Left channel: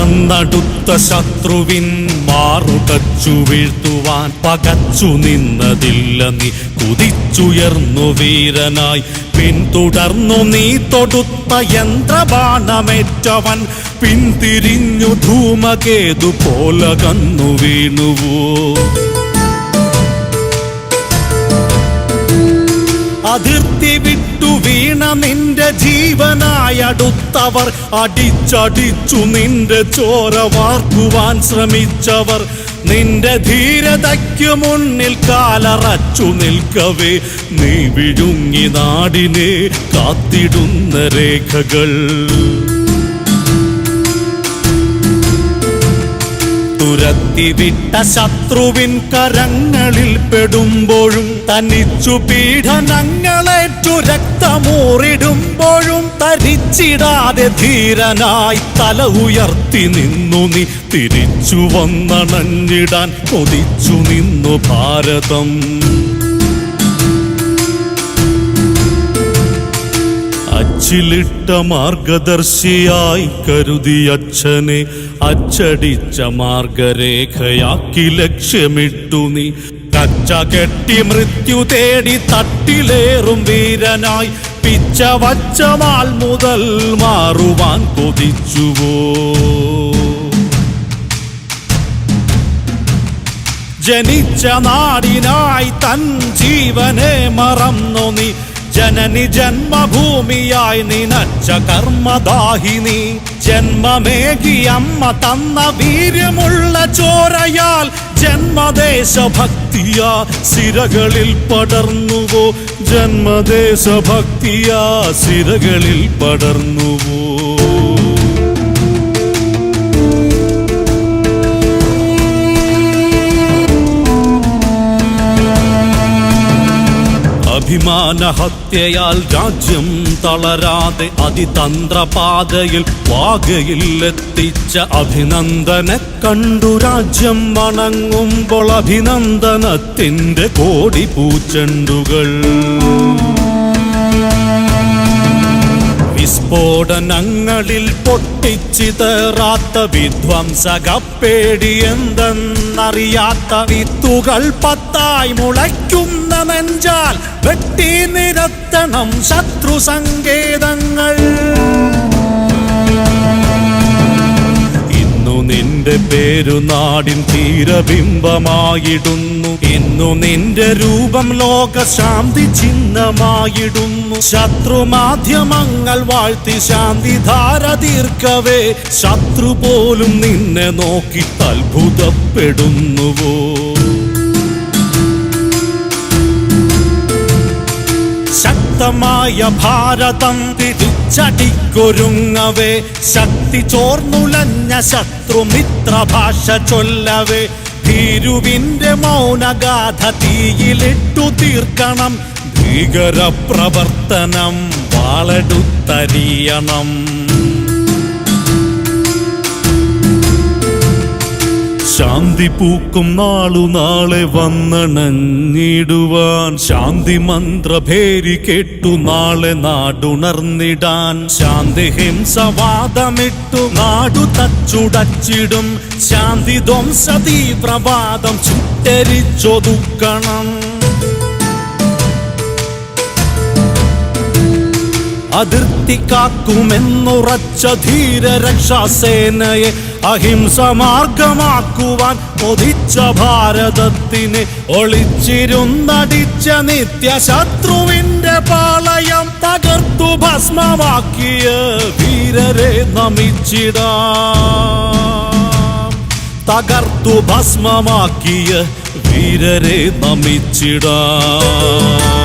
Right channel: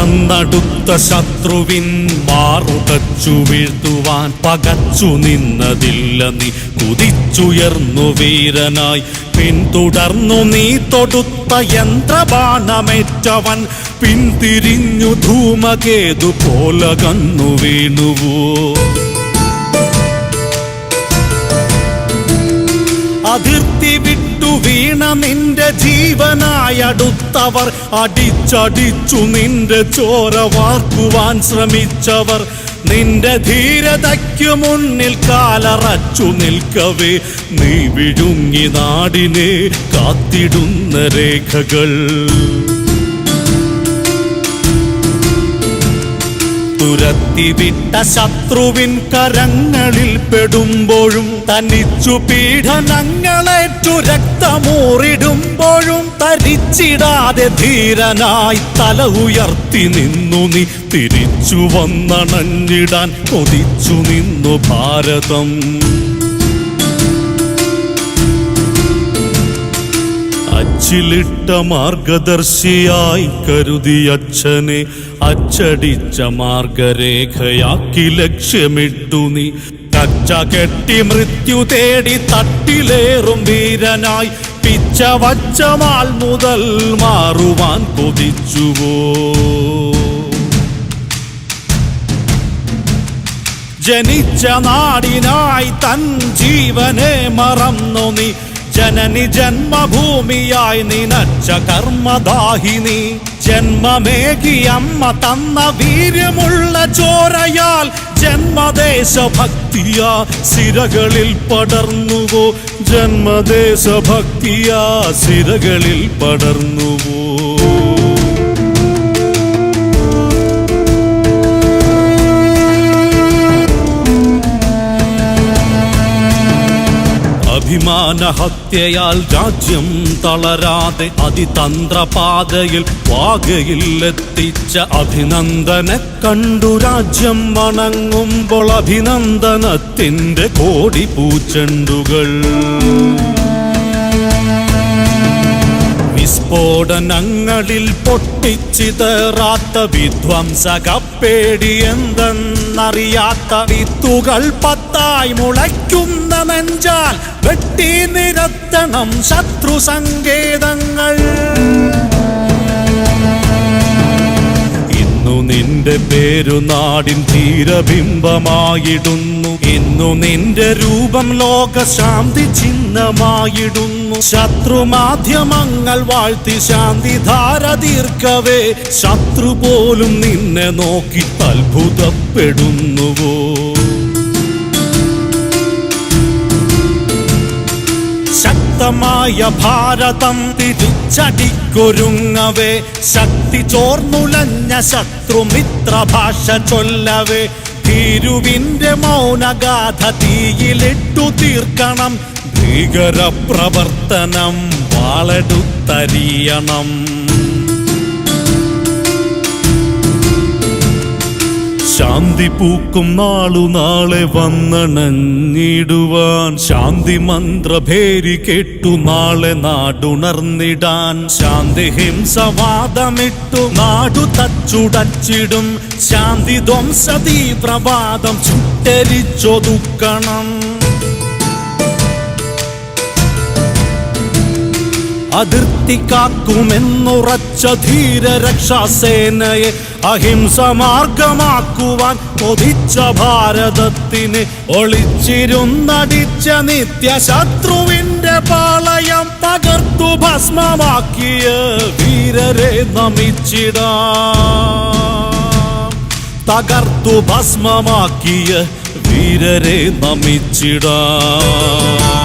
പറന്നടുത്ത ശത്രുവിൻ മാറുടച്ചു വീഴ്ത്തുവാൻ പകച്ചു നിന്നതില്ല നീ. കുതിച്ചുയർന്നു വീരനായി പിന്തുടർന്നു നീ തൊടുത്ത യന്ത്രബാണമേറ്റവൻ പിന്തിരിഞ്ഞു ധൂമകേതു പോലെ കന്നു വീണുവോ. അതിർത്തി വിട്ടു വീണ നിന്റെ ജീവനായടുത്തവർ അടിച്ചടിച്ചു നിന്റെ ചോര വാർക്കുവാൻ ശ്രമിച്ചവർ നിന്റെ ധീരതയ്ക്കു മുന്നിൽ കാലറച്ചു നിൽക്കവേ നീ വിഴുങ്ങി നാടിനെ കാത്തിടുന്ന രേഖകൾ. തുരത്തിവിട്ട ശത്രുവിൻ കരങ്ങളിൽ പെടുമ്പോഴും തനിച്ചു പീഡനങ്ങളേറ്റു രക്തമൂറിടുമ്പോഴും തരിച്ചിടാതെ ധീരനായി തല ഉയർത്തി നിന്നു നീ. തിരിച്ചു വന്നണഞ്ഞിടാൻ കൊതിച്ചു നിന്നു ഭാരതം. അച്ചിലിട്ട മാർഗദർശിയായി കരുതി അച്ഛനെ അച്ചടിച്ച മാർഗരേഖയാക്കി ലക്ഷ്യമിട്ടു നീ. കച്ച കെട്ടി മൃത്യു തേടി തട്ടിലേറും വീരനായി പിച്ച വച്ച മാൽ മുതൽ മാറുവാൻ കൊതിച്ചുവോ. ജനിച്ച നാടിനായി തൻ ജീവനെ മറന്നു നീ. ജനനി ജന്മഭൂമിയായി നിനച്ച കർമ്മദാഹിനി. ജന്മമേകി അമ്മ തന്ന വീര്യമുള്ള ചോരയാൽ ജന്മദേശഭക്തിയാ സിരകളിൽ പടർന്നുവോ. ജന്മദേശഭക്തിയാ സിരകളിൽ പടർന്നുവോ. അഭിമാനഹത്യയാൽ രാജ്യം തളരാതെ അതിതന്ത്രപാതയിൽ വാകയിൽ എത്തിച്ച അഭിനന്ദനെ കണ്ടു രാജ്യം വണങ്ങുമ്പോൾ അഭിനന്ദനത്തിന്റെ കോടി പൂച്ചെണ്ടുകൾ. വിസ്ഫോടനങ്ങളിൽ പൊട്ടിച്ചിതറാത്ത വിധ്വംസകപ്പേടി എന്തെന്നറിയാത്ത വിത്തുകൾ പത്തായി മുളയ്ക്കുന്ന നെഞ്ചാൽ വെട്ടി നിരത്തണം ശത്രു സങ്കേതങ്ങൾ. ഇന്നു നിന്റെ പേരു നാടിൻ ധീരബിംബമായിടുന്നു. ഇന്നു നിന്റെ രൂപം ലോകശാന്തി ചിഹ്നമായിടുന്നു. ശത്രുമാധ്യമങ്ങൾ വാഴ്ത്തി ശാന്തിധാര തീർക്കവേ ശത്രു പോലും നിന്നെ നോക്കി അത്ഭുതപ്പെടുന്നുവോ. ശക്തമായ ഭാരതം തിരിച്ചടിക്കൊരുങ്ങവേ ശക്തി ചോർന്നുലഞ്ഞ ശത്രുമിത്രഭാഷ ചൊല്ലവേ ഭീരുവിന്റെ മൗനഗാഥ തീയിലിട്ടു തീർക്കണം. ഭീകരപ്രവർത്തനം വാളെടുത്തരിയണം. ശാന്തി പൂക്കും നാളു നാളെ വന്നണഞ്ഞിടുവാൻ. ശാന്തി മന്ത്രഭേരി കേട്ടു നാളെ നാടുണർന്നിടാൻ. ശാന്തി ഹിംസവാദമിട്ടു നാടു തച്ചുടച്ചിടും. ശാന്തി ധ്വംസ തീവ്രവാദം ചുട്ടരിച്ചൊതുക്കണം. അതിർത്തി കാക്കുമെന്നുറച്ച ധീരരക്ഷാസേനയെ അഹിംസ മാർഗമാക്കുവാൻ കൊതിച്ച ഭാരതത്തിന് ഒളിച്ചിരുന്നടിച്ച നിത്യശത്രുവിന്റെ പാളയം തകർത്തു ഭസ്മമാക്കിയ വീരരെ നമിച്ചിടാം. തകർത്തു ഭസ്മമാക്കിയ വീരരെ നമിച്ചിടാം.